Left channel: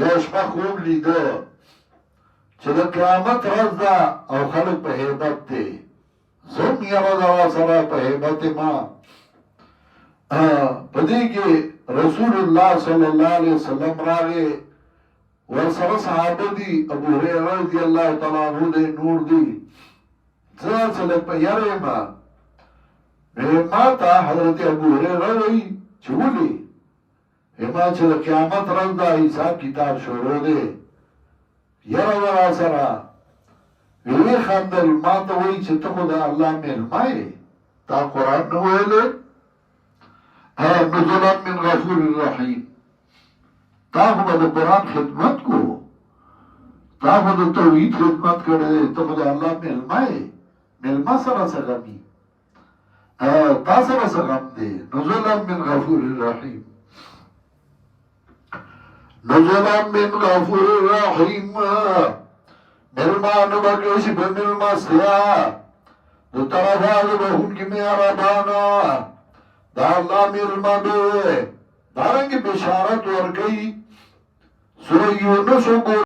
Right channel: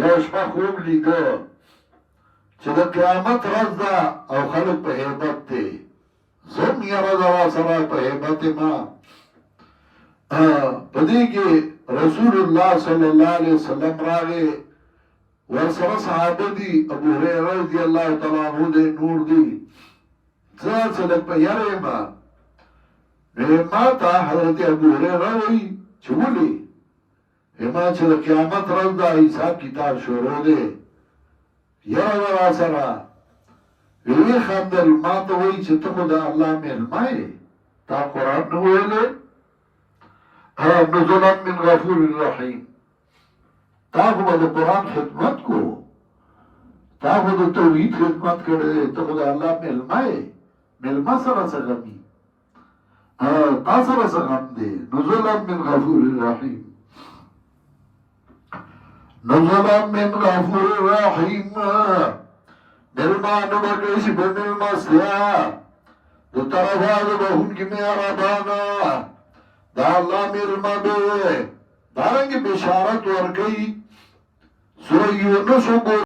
یو شپه خوب لیدو چې د قیامت ورځ ده او خلک په هیبت دی زم یره ده راسره په هیبت ما په دې کې رسول الله صلی الله علیه وسلم راغی ورسره صحابه دي ابو هريره رضی الله تعالی عنہ دی نور دی څه په یاره ما ما ته حضرت ابو هريره وی چې ولي ما چې د قیامت ورځ ده حساب کتاب شروع دی یره ورا سره وی خندل ما ته وی چې ته خو د الله مهربان یې تا قرآن نو ویلې نزلا من غفور الرحیم تا خو به د قرآن خدمت کو تا خو د توحید خدمت کړی ته خو د الله مهربان یې مهربان سره څه غمي تا سره څه غم دی نزلا من غفور الرحیم نزلا من غفور الرحیم ملمانو بکشی پا ملمستیا دو طرفات بہن کی میارابانا دا اللہ ملما دے دارنگی بشارت ورگئی سورہ یونس کو